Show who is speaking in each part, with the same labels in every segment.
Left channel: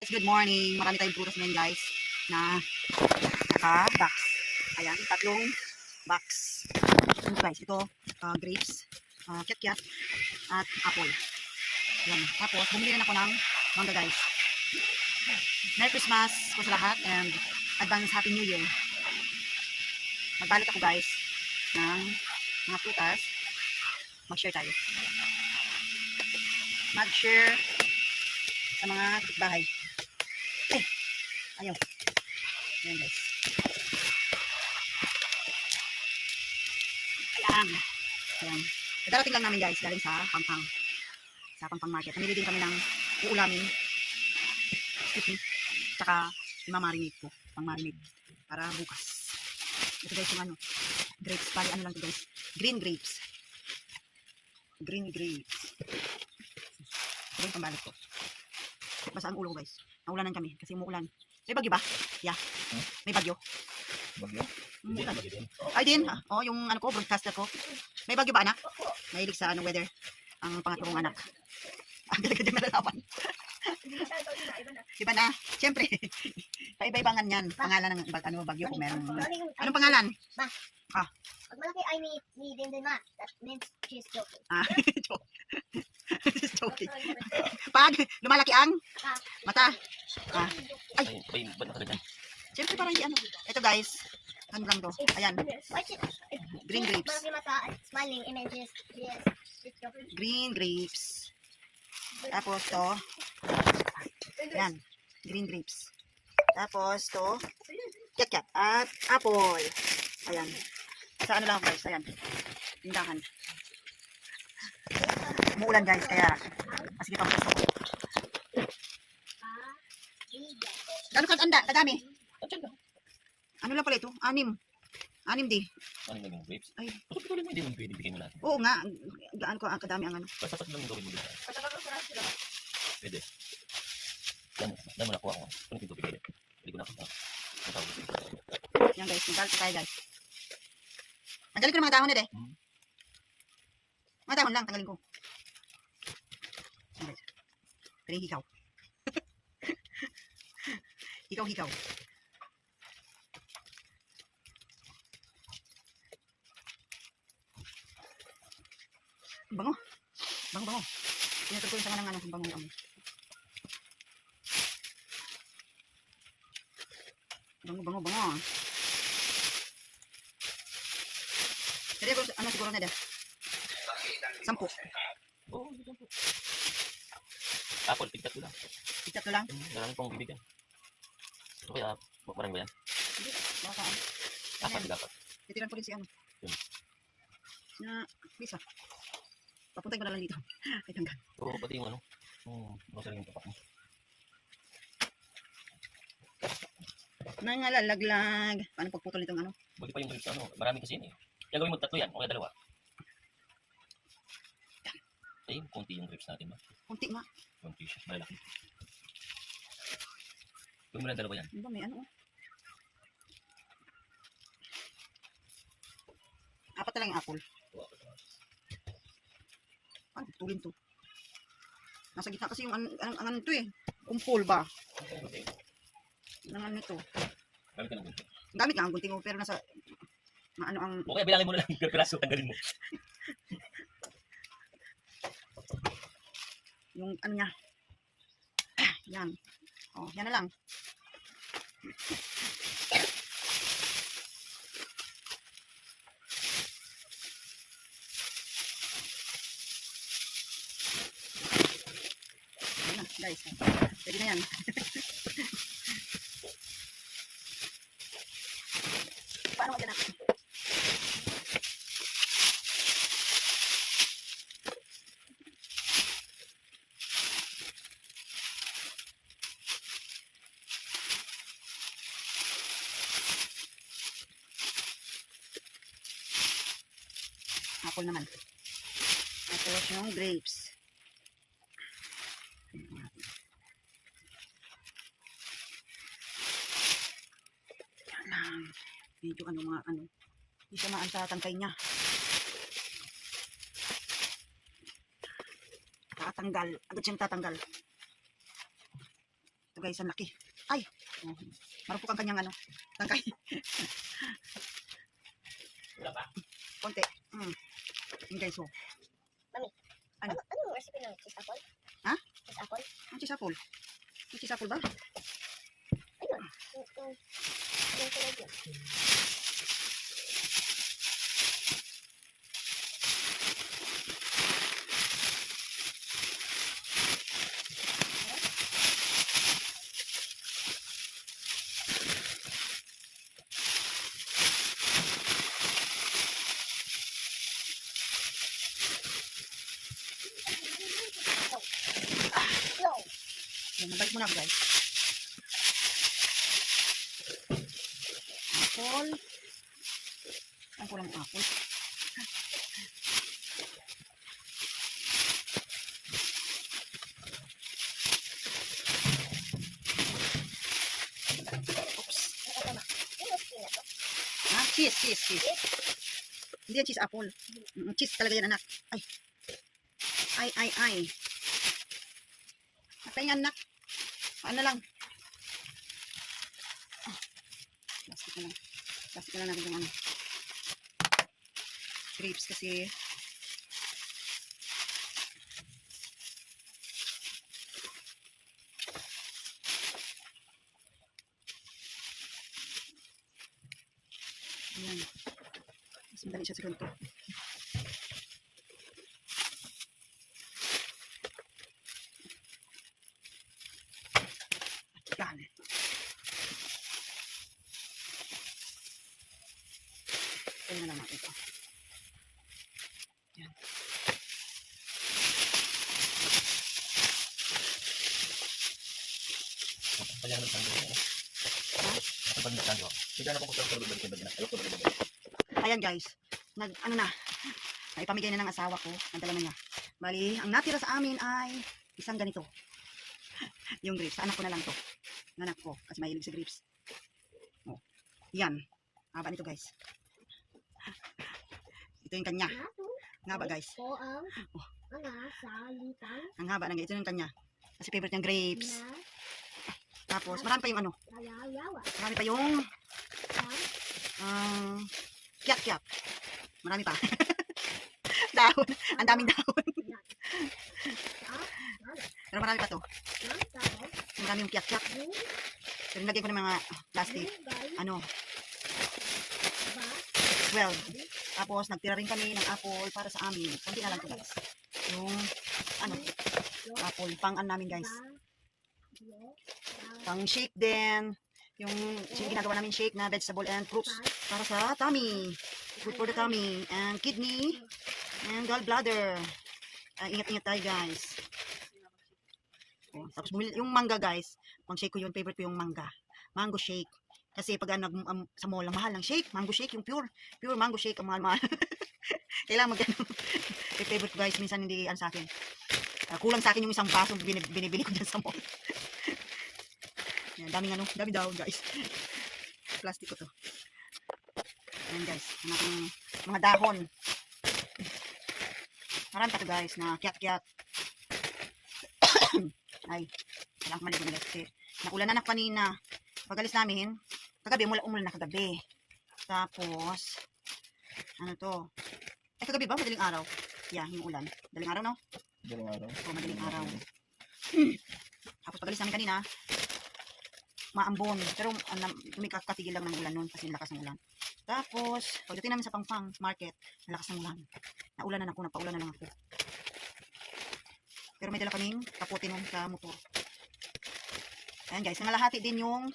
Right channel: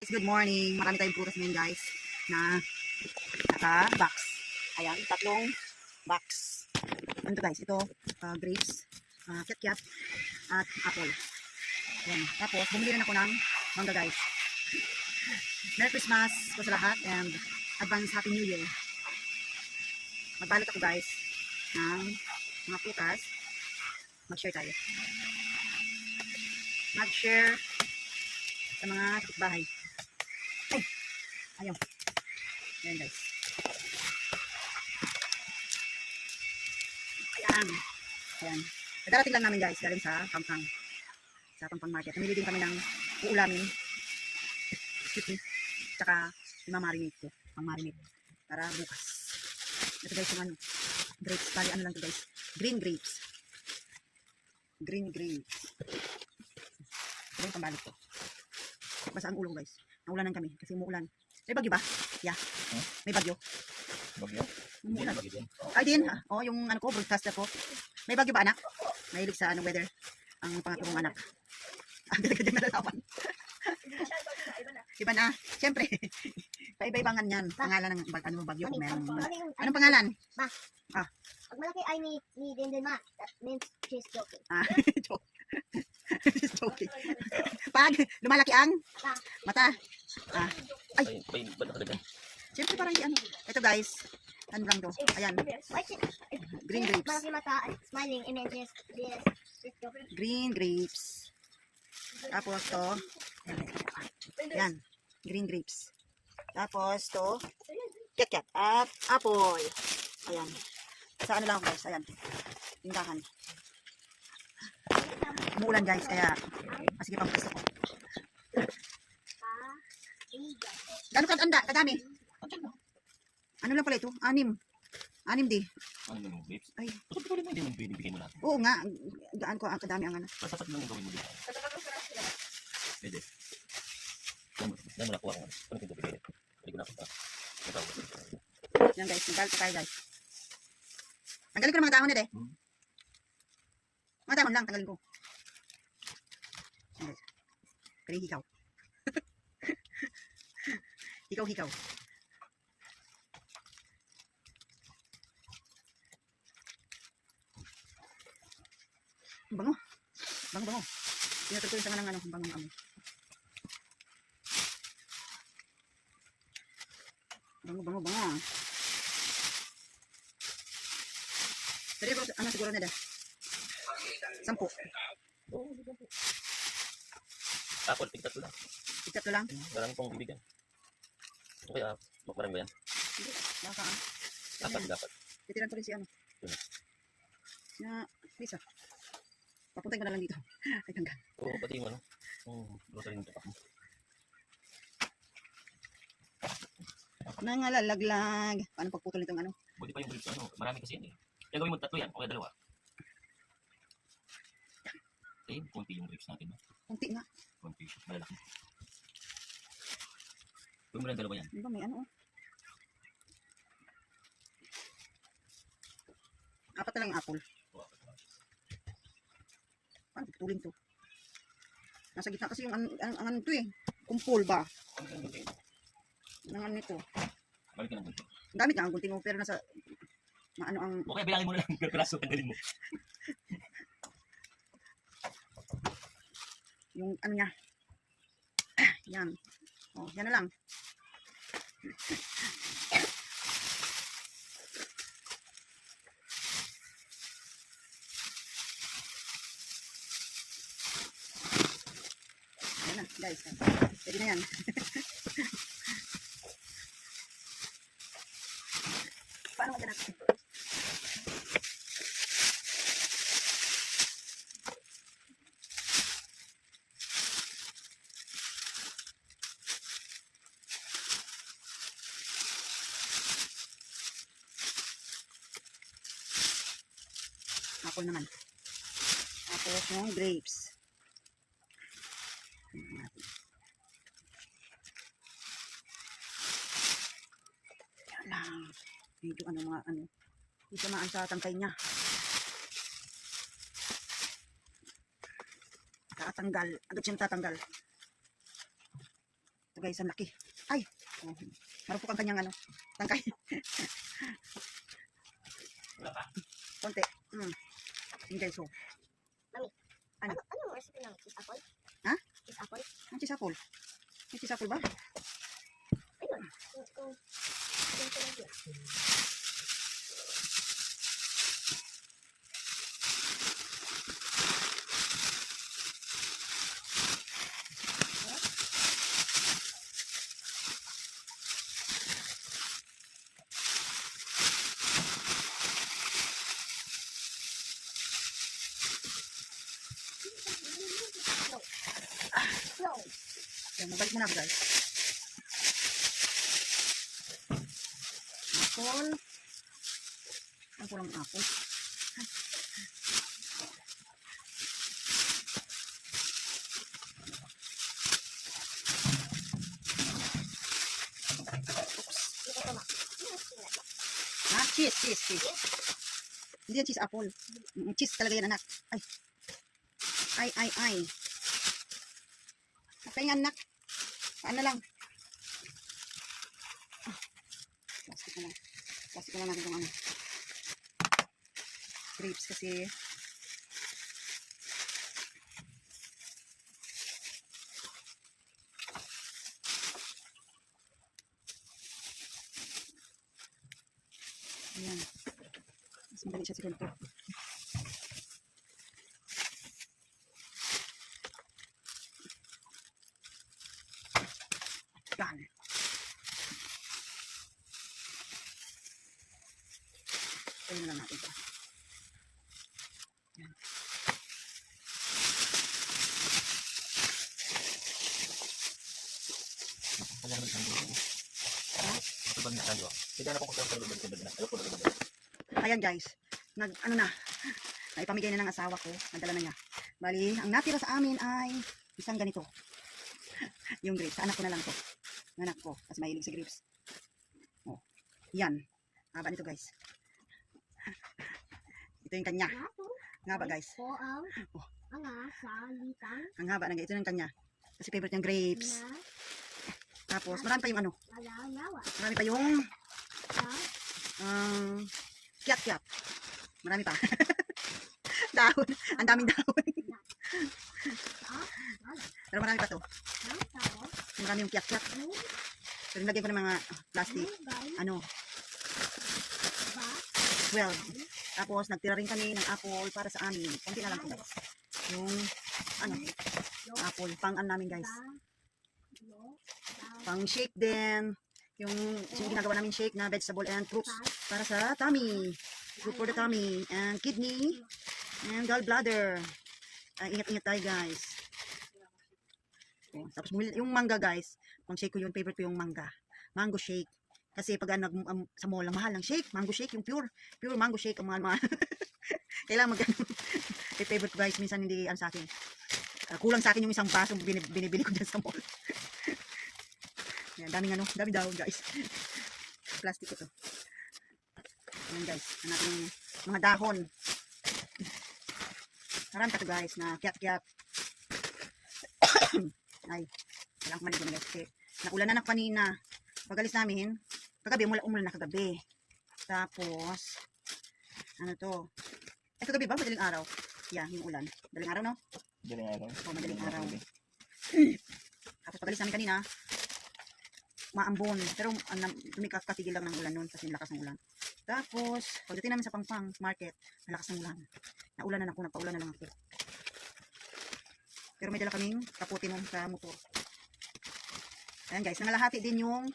Speaker 1: Good morning. Marami tayong prutas ngayon guys na naka-box. Ayan, tatlong box. Ano guys, ito uh, grapes, uh, kiat-kiat, at apple. Ayan. Tapos, bumili rin ako ng mangga guys. Merry Christmas po sa lahat and advance Happy New Year. Magbalot ako guys ng mga prutas. Mag-share tayo. Mag-share sa mga bahay. Eh, ayaw. Ayan guys. Ayan. Ayan. Darating lang namin guys, galing sa Pampang. Sa Pampang Market. Namili din kami ng uulamin. Excuse me. Tsaka imamarinate ko. Pang marinate. Para bukas. Ito guys yung ano. Grapes. Bali ano lang to guys. Green grapes. Green grapes. Ito yung pambalik ko. Basa ang ulo guys. Naulanan kami kasi umuulan. May bagyo ba? Yeah.
Speaker 2: Hmm?
Speaker 1: May bagyo.
Speaker 2: Bagyo?
Speaker 1: Umuulan.
Speaker 2: din.
Speaker 1: Ay din. ah. Oh, yung ano ko, broadcaster ko. May bagyo ba anak? Mahilig sa ano weather. Ang pangatlong anak. Ang ganda-ganda na lalawan. Iba na. Siyempre. Paiba-ibangan yan. Pangalan ng bag, ano, bagyo kung meron. Anong pangalan?
Speaker 3: Pag malaki ay ni ni din din ma. That means she's joking.
Speaker 1: Ah, joke. Just joking. Pag lumalaki ang mata. Ah,
Speaker 2: Ay,
Speaker 1: siyempre parang di ano. Ito guys. Ano lang to? Ayan. Green grapes.
Speaker 3: Smiling she's yes.
Speaker 1: Green grapes. Tapos to. Yan. Green grapes. Tapos to. Kat-kat. At apple. Ayan. Sa ano lang guys. Ayan. Tindahan. Umuulan guys. Kaya masige pang gusto ko. Gano'n ka anda? Kadami. Ano lang pala ito? Anim. Anim di.
Speaker 2: Naman yung grapes?
Speaker 1: Ay.
Speaker 2: Basta pwede mo hindi mo pwede bigay mo lahat.
Speaker 1: Oo nga. Gaan ko ang kadami ang ano.
Speaker 2: Basta tatlo yung gawin mo lahat. Pwede. Yan mo, nakuha ko. Ano tubig ulit? Pwede ko na punta. Ang tawag ko.
Speaker 1: Yan guys. Nagbalto tayo guys. Tanggalin ko ng mga dahon nila eh.
Speaker 2: Hmm.
Speaker 1: Mga dahon lang. Tanggalin ko. Yan guys. Yung hikaw. hikaw, hikaw. Bango. Bango, bango. Tinatag ko yung sanga ng ano, bango ng amoy. Bango, bango, bango. Pero ko, ano siguro na deh? Sampu.
Speaker 2: Oo, dito po. Apple, tigtat ko lang.
Speaker 1: Ko lang.
Speaker 2: Hmm, Darang pong bibigyan. O kaya, parang ba yan?
Speaker 1: Hindi, baka ano.
Speaker 2: Apat, dapat.
Speaker 1: Titiran ko rin si ano.
Speaker 2: Hmm.
Speaker 1: Na, bisa. Papuntay ko na lang dito. Ay, tanggal.
Speaker 2: Oo, pati yung ano. Hmm, grocery yung tapak mo.
Speaker 1: Nangalalaglag. Paano pagputol nitong ano?
Speaker 2: Buti pa yung ano. Marami kasi yun eh. Kaya gawin mo tatlo yan, o kaya dalawa. Ayun, konti yung grapes natin ba?
Speaker 1: Kunti nga.
Speaker 2: Konti siya, malalaki. Gawin mo lang dalawa yan.
Speaker 1: Ano ba, may ano oh. Apat na lang yung apple. Paano putulin to? Nasa gitna kasi yung an, an, ang ano to eh. Kumpul ba? Nang ano nito.
Speaker 2: Gamit ka ng gunting.
Speaker 1: Gamit nga ang gunting mo pero nasa maano ang
Speaker 2: O kaya bilangin mo na lang, piraso, tanggalin mo.
Speaker 1: yung ano niya. yan. Oh, yan na lang. Yan na, guys. Pwede na yan. Paano ka natin? Apple naman. Tapos yung grapes. Yan lang. Medyo ano mga ano. Hindi siya maan sa tangkay niya. Tatanggal. Agad siyang tatanggal. Ito guys, ang laki. Ay! Oh, marupok ang kanyang ano, tangkay.
Speaker 2: Wala pa.
Speaker 1: Konti. Mm. Yun guys, oh. Ano?
Speaker 3: Ano, anong recipe ng cheese apple?
Speaker 1: Ha?
Speaker 3: Cheese apple?
Speaker 1: Ang chisapol. Ang chisapol ba?
Speaker 3: Ayun. Yung, yung, yung tulad yun. No.
Speaker 1: Ako guys. Apple. Ang kulang apple.
Speaker 3: Na. Na.
Speaker 1: Ha? Cheese, cheese, cheese. Hindi yan cheese apple. Mm, cheese talaga yan anak. Ay. Ay, ay, ay. Atay nga anak. Paano lang? Ah. Plastic na lang. Plastic na lang natin yung ano. Grapes kasi. Ayan. Mas madali siya sa ganito. Yan. Kaya na lang natin ito. Yan.
Speaker 2: Kaya naman sando.
Speaker 1: Ha?
Speaker 2: Ito ba niya sando? Sige na po ko sa balik balik na. Ayoko na balik.
Speaker 1: Ayan guys, nag ano na, naipamigay na ng asawa ko, nadala na niya. Bali, ang natira sa amin ay isang ganito. yung grapes, sa anak ko na lang to. Ng anak ko, kasi mahilig sa grapes. Oh, yan. Haba nito guys. Ito yung kanya. Ang haba guys. Oh. Ang haba ng ito yung kanya. Kasi favorite niyang grapes. Tapos, marami pa yung ano, marami pa yung um, kiat-kiat. Marami pa. dahon. Ang daming dahon. Pero marami pa to. Marami yung kiat-kiat. Pero nilagay ko ng mga plastic. Ano,
Speaker 3: ba
Speaker 1: 12. Tapos, nagtira rin kami ng apple para sa amin. Kunti na lang to guys. Yung, ano, apple. Pang ano namin guys. Pang shake din. Yung, yung ginagawa namin shake na vegetable and fruits. Para sa tummy. Good for the tummy. And kidney. And gallbladder. Ah, ingat-ingat tayo guys. Oh, tapos bumili, yung mangga guys. Pang shake ko yun. Favorite ko yung mangga. Mango shake. Kasi pag nag, um, sa mall, ang mahal ng shake. Mango shake, yung pure. Pure mango shake, ang mahal-mahal. Kailangan mag. Yung favorite ko guys, minsan hindi ano sa akin. Ah, kulang sa akin yung isang baso binib- binibili ko dyan sa mall. Yan, daming ano, daming dahon guys. Plastic ko to. Ayan guys, ang ating mga dahon. Marami pa to guys na kiat-kiat. Ay, kailangan maligo na guys kasi naulan na na kanina. Pagalis namin, kagabi, mula umulan na kagabi. Tapos, ano to? Eh, kagabi ba? Madaling araw. Yeah, yung ulan. Madaling araw, no?
Speaker 2: Daling araw.
Speaker 1: Oo, madaling araw. Tapos pagalis namin kanina, maambon. Pero um, tumikatigil lang ng ulan noon kasi lakas ng ulan. Tapos, pagdating namin sa Pangpang Market, malakas ng ulan. Naulan na ako, napaulan na lang ako. Pero may dala kaming kaputi nun sa motor. Ayan guys, nangalahati din yung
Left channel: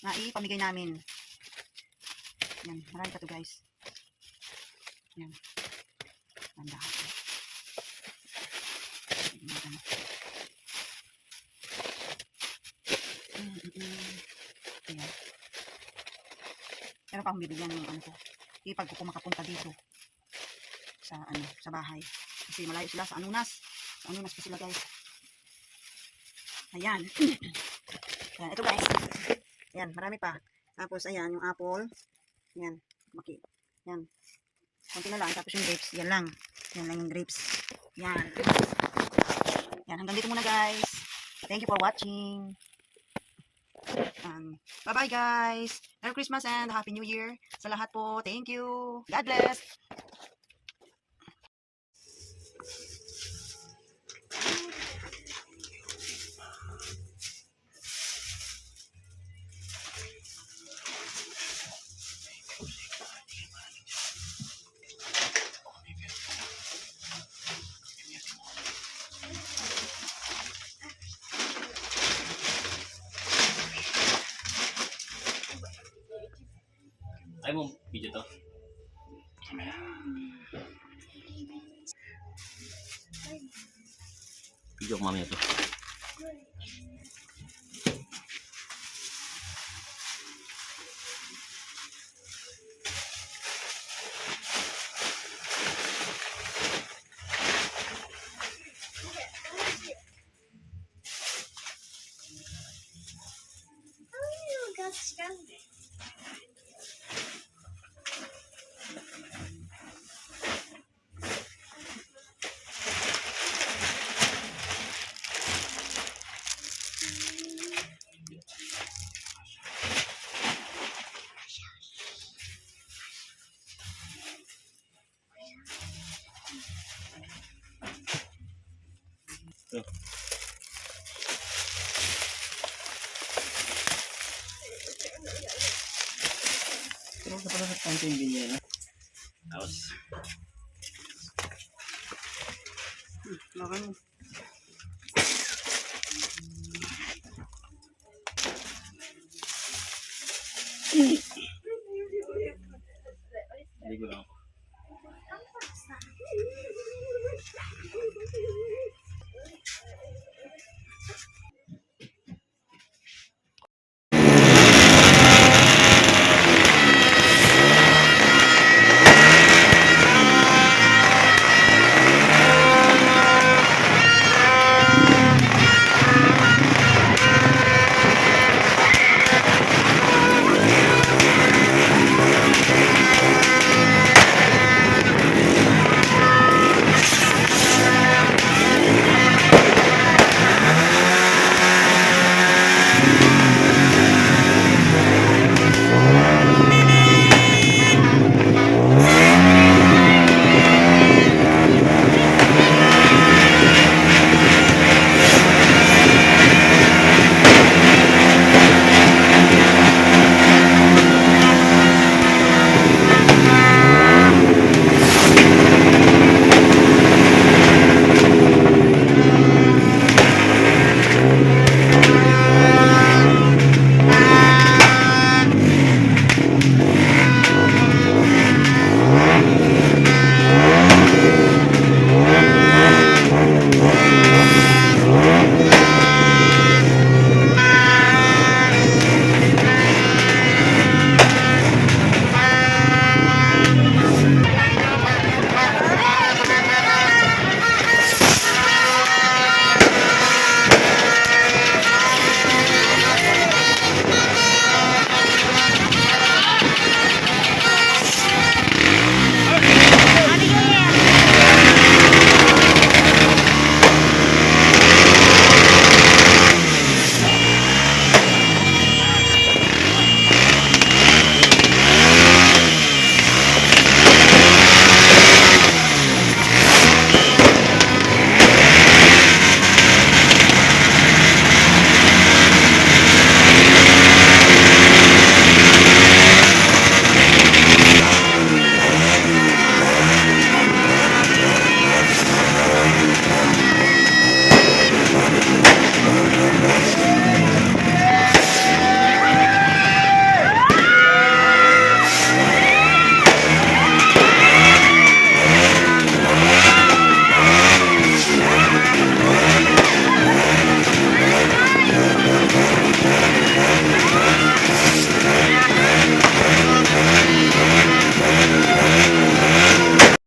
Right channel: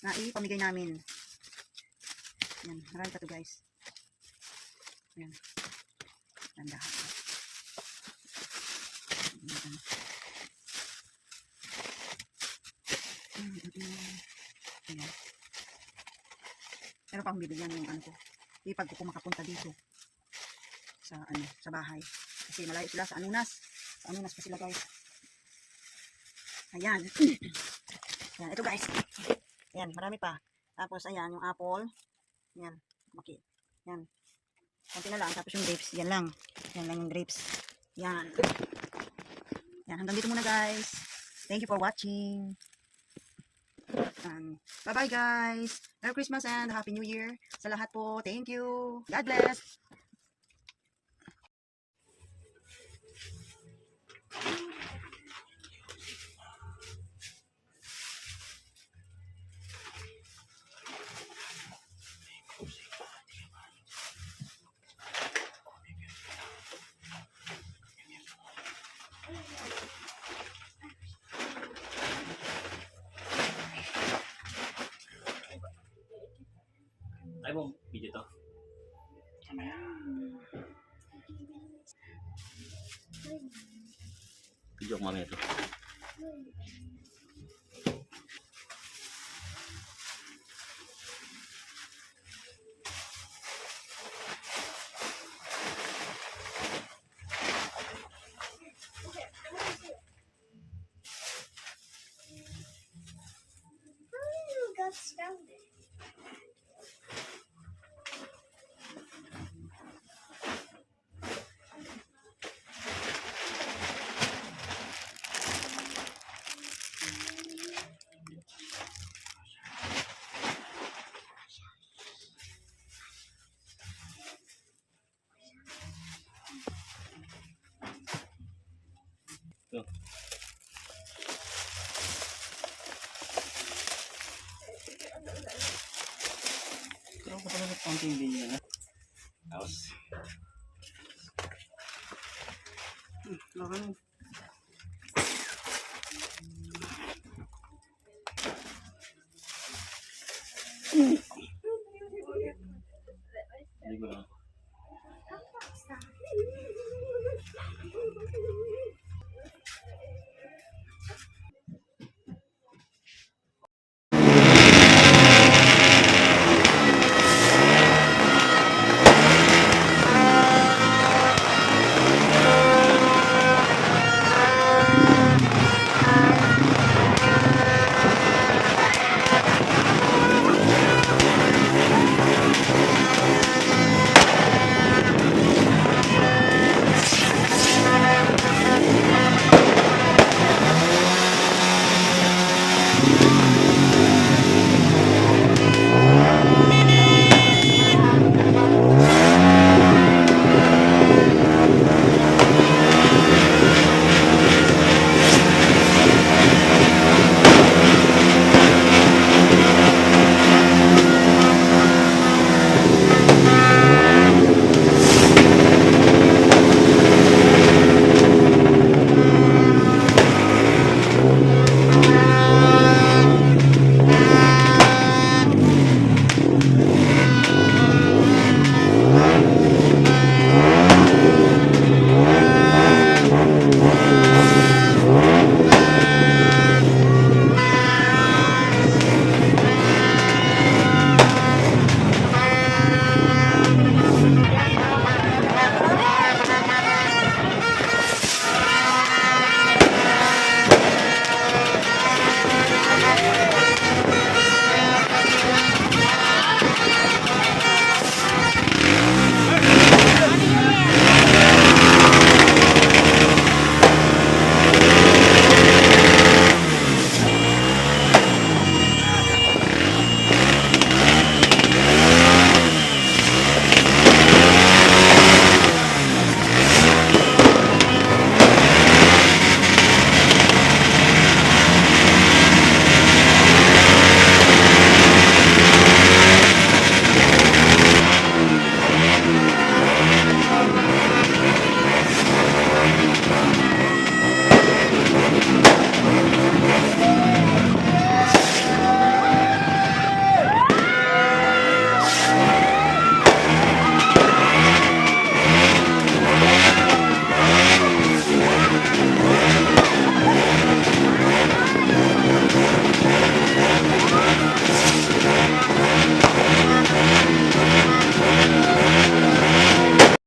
Speaker 1: naipamigay namin. Yan, marami pa to guys. Yan. Tandahan. Yan. Mm, mm, mm. Ayan. Meron pa bibigyan yung ano ko. Ipag ko kung makapunta dito. Sa ano, sa bahay. Kasi malayo sila sa Anunas. Sa Anunas pa sila guys. Ayan. Ayan, ito guys. Ayan, marami pa. Tapos ayan, yung apple. Ayan, maki. Ayan. Konti na lang. Tapos yung grapes, yan lang. Yan lang yung grapes. Yan. Yan, hanggang dito muna guys. Thank you for watching. Um, bye-bye guys. Merry Christmas and Happy New Year sa lahat po. Thank you. God bless.
Speaker 2: Ay mo, video to. Video ko mamaya to. Pero sa pala sa yung ganyan, ha? Tapos,
Speaker 1: Lakan mo.